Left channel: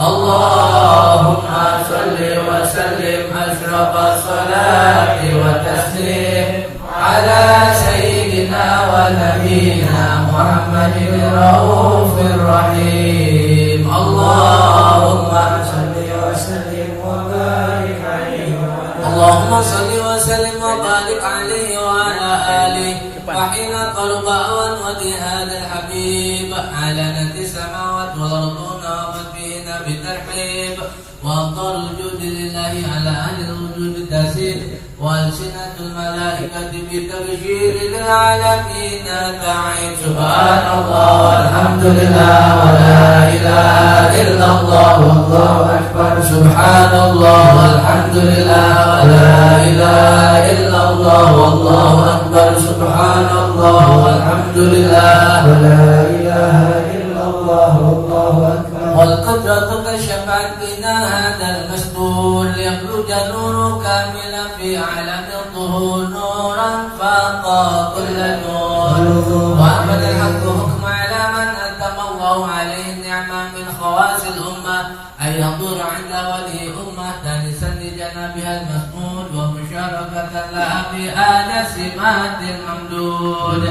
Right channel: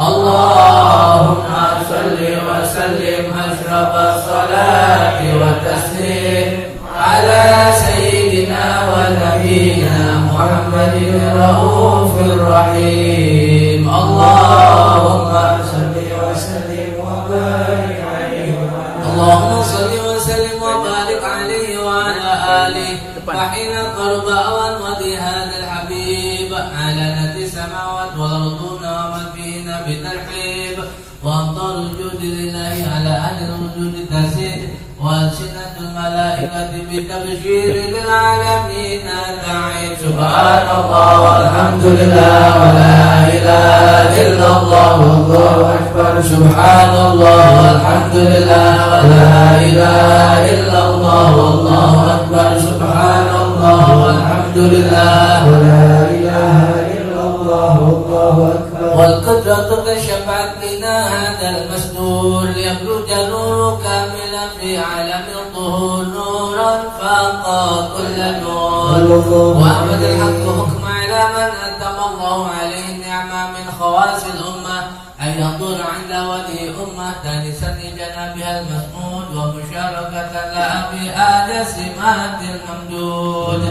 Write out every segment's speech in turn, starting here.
اللهم صل وسلم أشرف الصلاة والتسليم على سيدنا ونبينا محمد الرؤوف الرحيم. اللهم صل وسلم وبارك عليه، اللهم صل وسلم وبارك عليه وعلى آله. وحين قرب أوان ودي هذا الحبيب علنت السماوات والأرض ومن فيهن بالترحيب، وأفضل الجود لله على أهل الوجود تسير، وألسنة الملائكة بالتبشير للعالمين تعيد. سبحان الله والحمد لله ولا إله إلا الله والله أكبر. سبحان الله والحمد لله ولا إله إلا الله والله أكبر. سبحان الله والحمد لله ولا إله إلا الله والله أكبر. والقدرة كشفت بنا هذا المسدول يخرج نور كاملا في عالم الظهور، نورا فاق كل نور. وأحمد الحق حكم على من أتم الله عليه النعمة من خواص الأمة أن ينظر عند ولي أمة تانسا لجنابها المسنود، ومشاركة لها في آل سمات الممدود.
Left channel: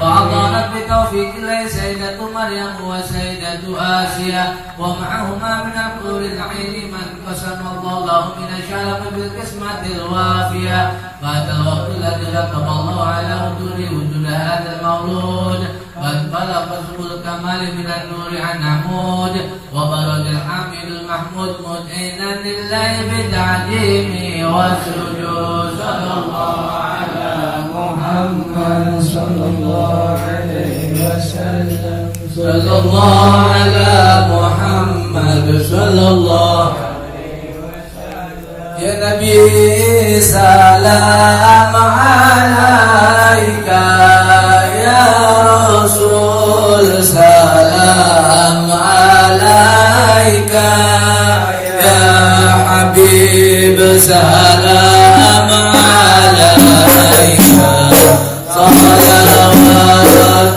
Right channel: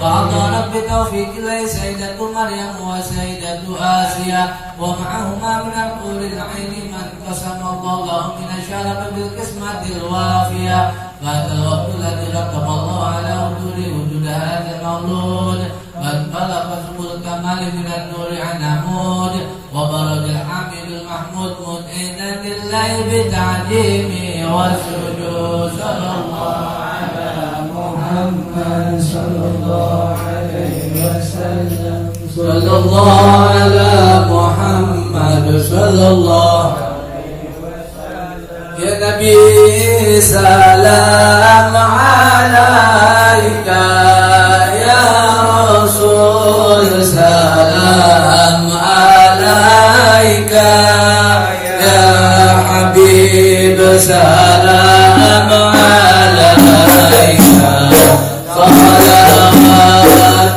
وأعطانت بتوفيق الله سيدة مريم وسيدة آسيا، ومعهما من الحور العين من قسم الله له من الشرف بالقسمة الوافية. فهذا الوقت الذي ختم الله على وجود هذا المولود، قد بلغ سبل الكمال من النور عن عمود، وبرز الحامد المحمود مدعنا لله بالتعظيم والسجود. صلى الله على محمد صلى الله عليه وسلم. صلى الله على محمد صلى الله عليه وسلم. يا نبي سلام عليك، يا رسول سلام عليك، يا حبيب سلام عليك، صلوات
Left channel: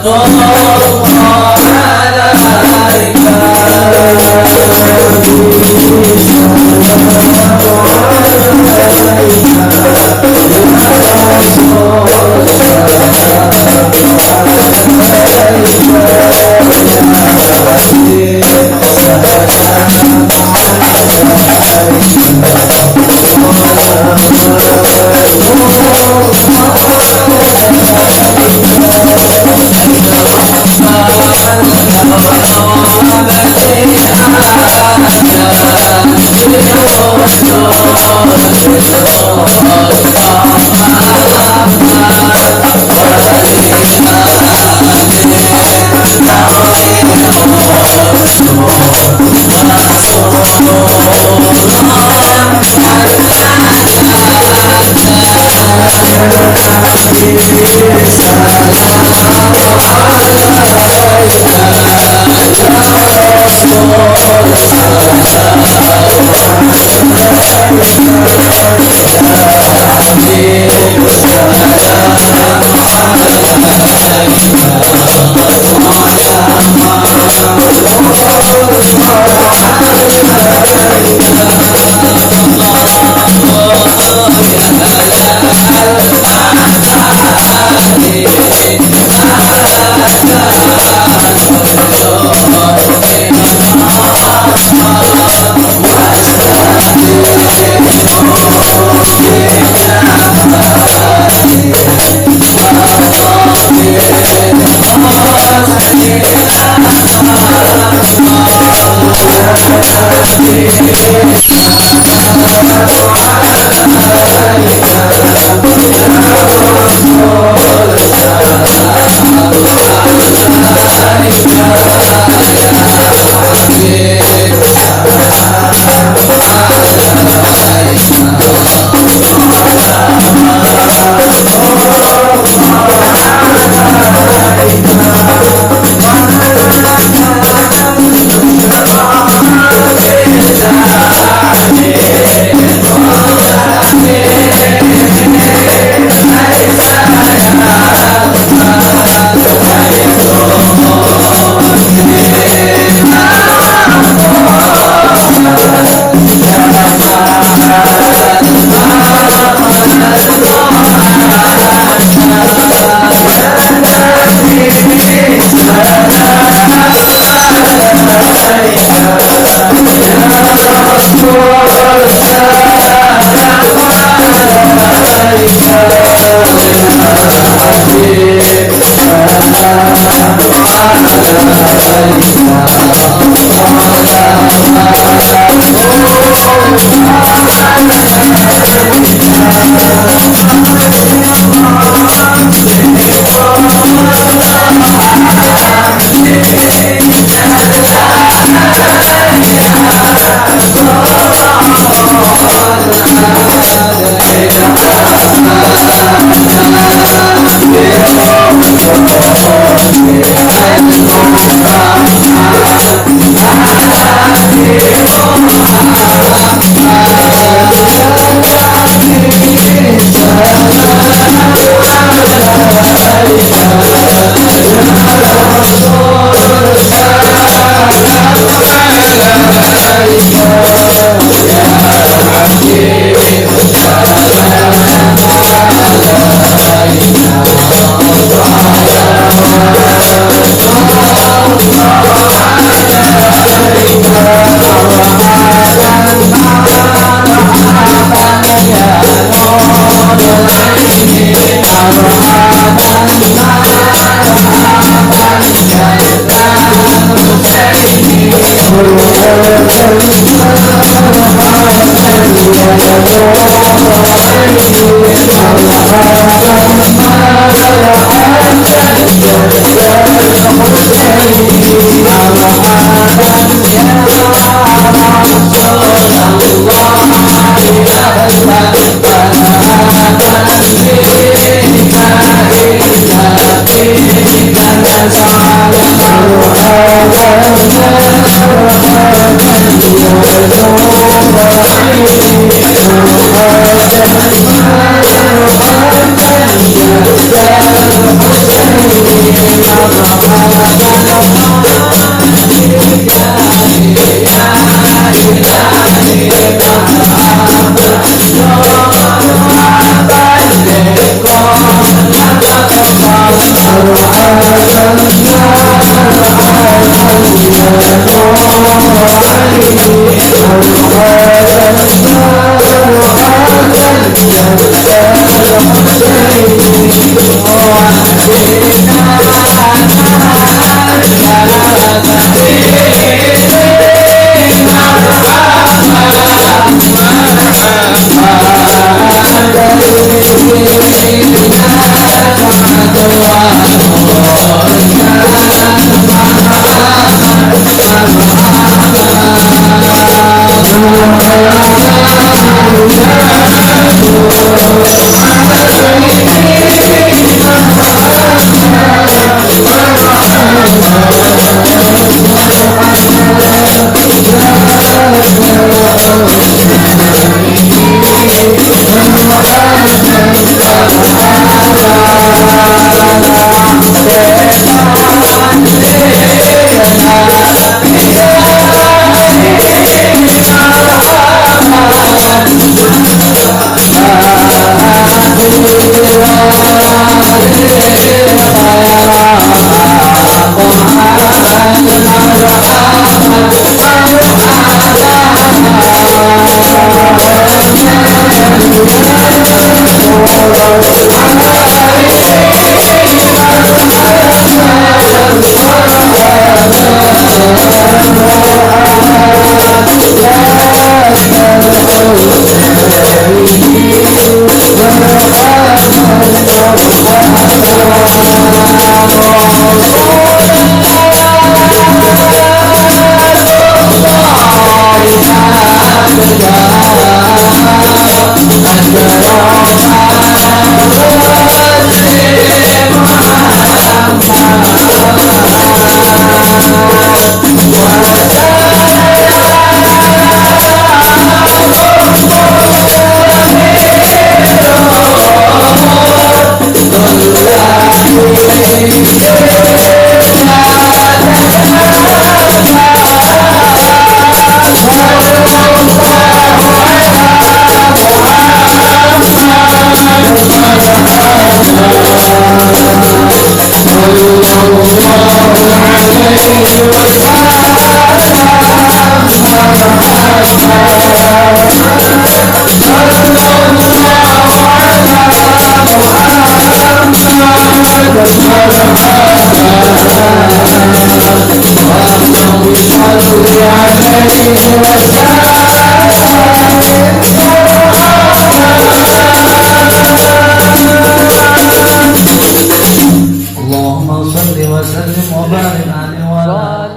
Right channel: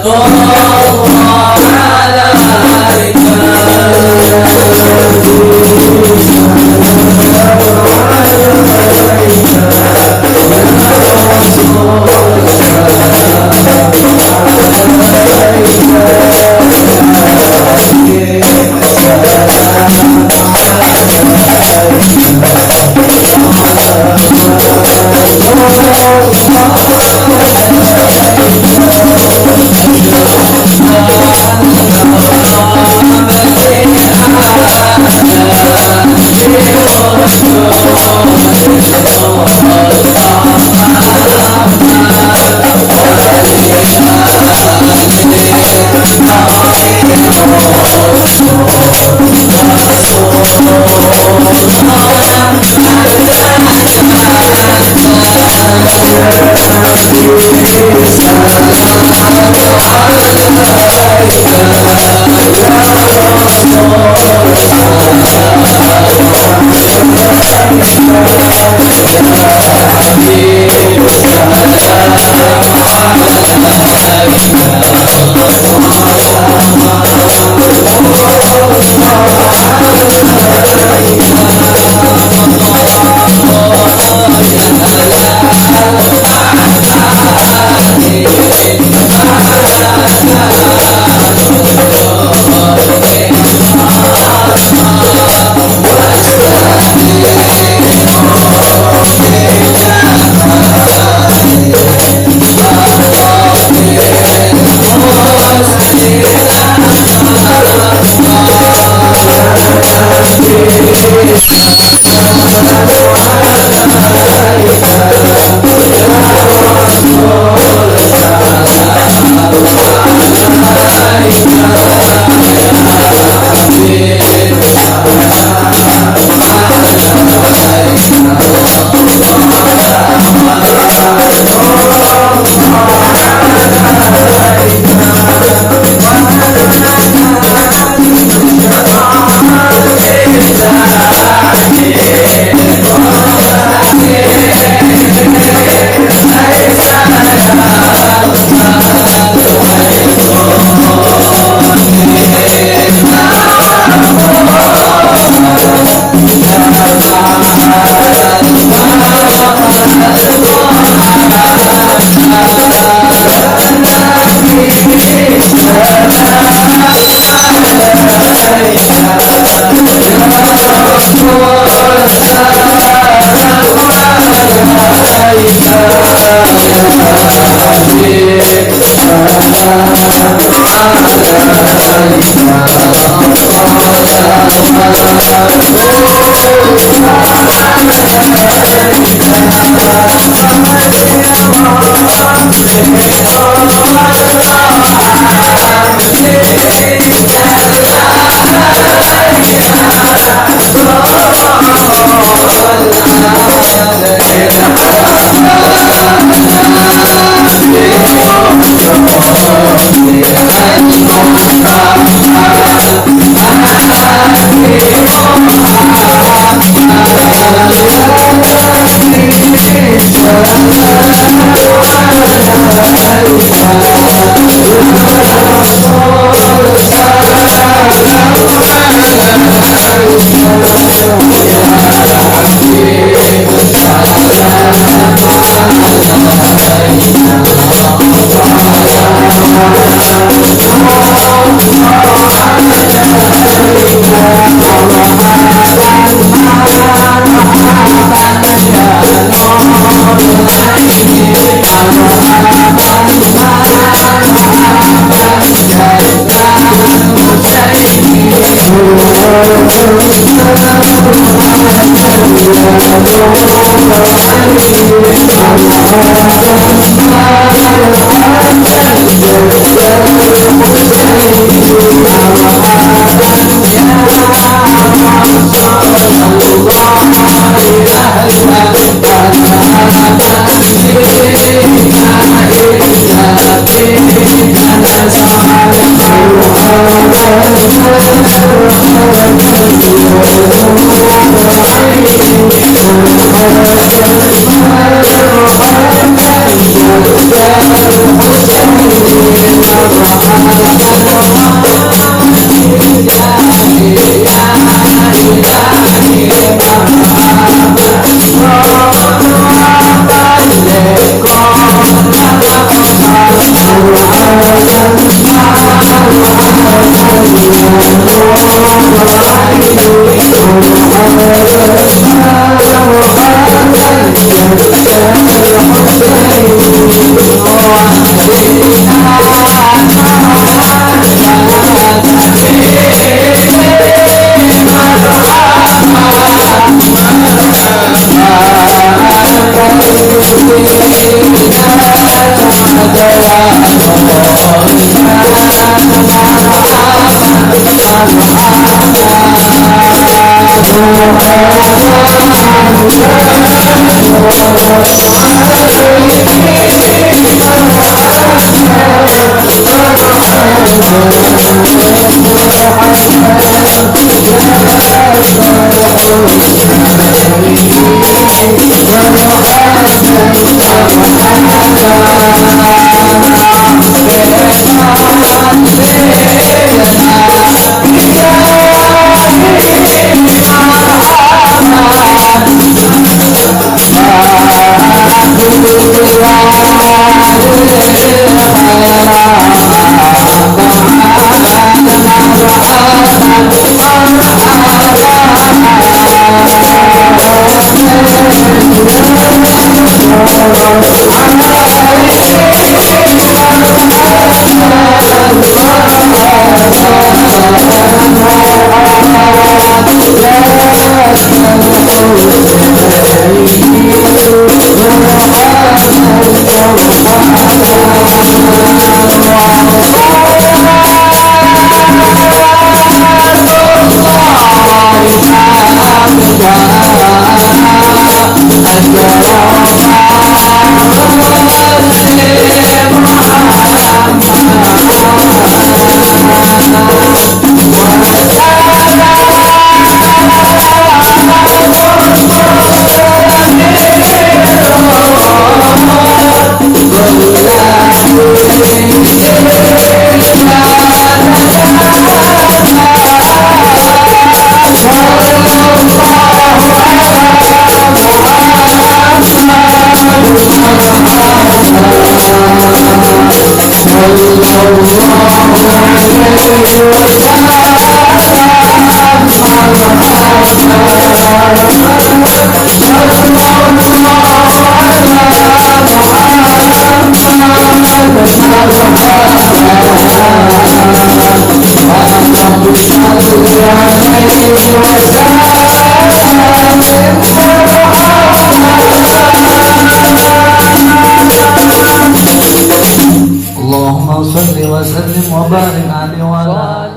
الله عليك.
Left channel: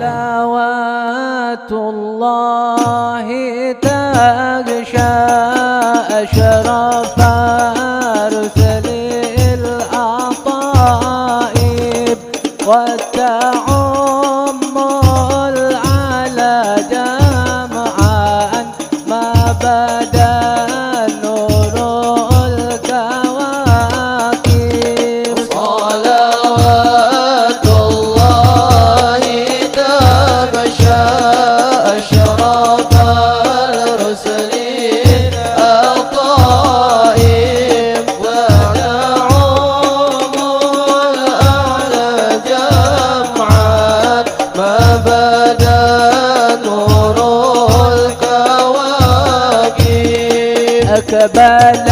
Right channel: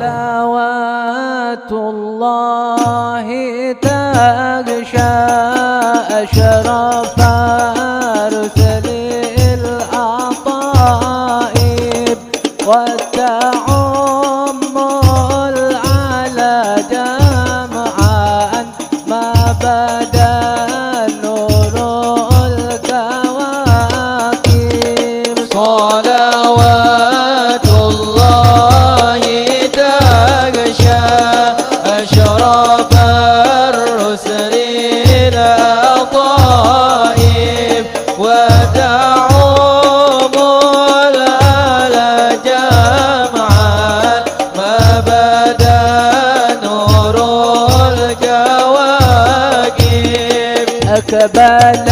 صلوات الله تغشى أشرف رسل الأطائب وتعم العلى جمعا ما بدا نور الكواكب. صلوات الله تغشى أشرف الرسل الأطائب وتعم الآل جمعا ما بدا نور الكواكب. أقبل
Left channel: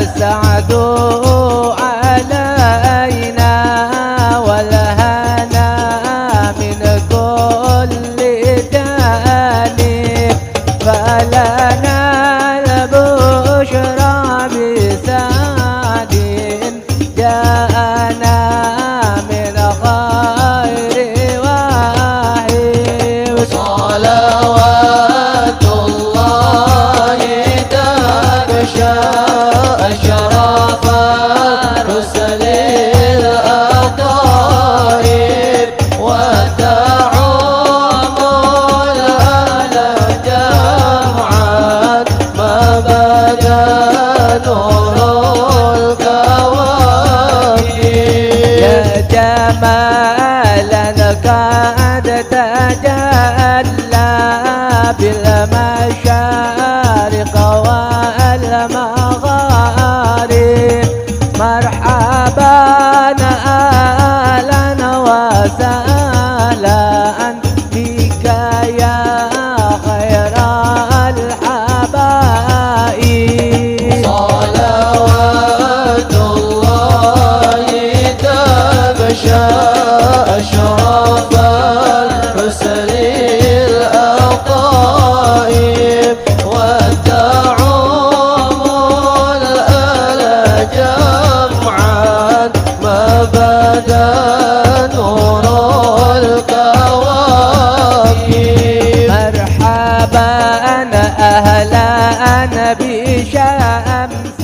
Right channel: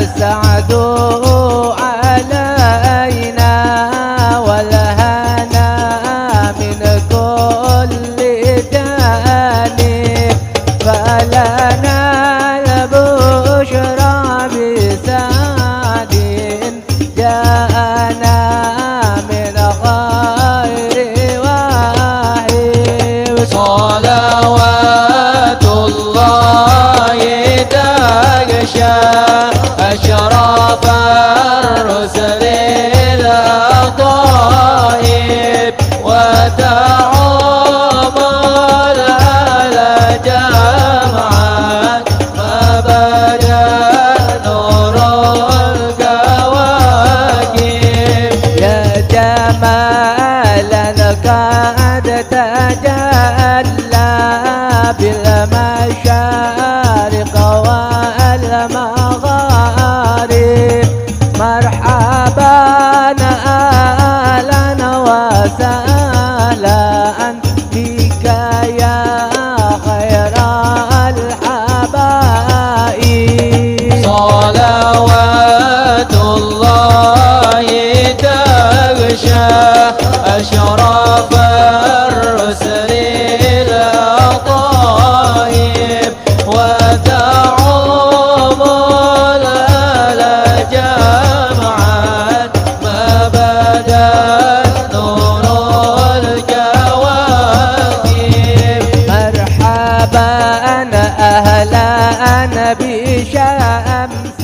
السعد علينا والهنا من كل جانب فلنا البشرى بسعد جاءنا من خير واحد. صلوات الله تغشى أشرف الرسل الأطائب وتعم الآل جمعا ما بدا نور الكواكب. يا جمالا قد تجلى بالمشارق والمغارب مرحبا أهلا وسهلا بك يا خير الحبائب. صلوات الله تغشى أشرف الرسل الأطائب وتعم الآل جمعا ما بدا نور الكواكب. مرحبا أهلا بشمس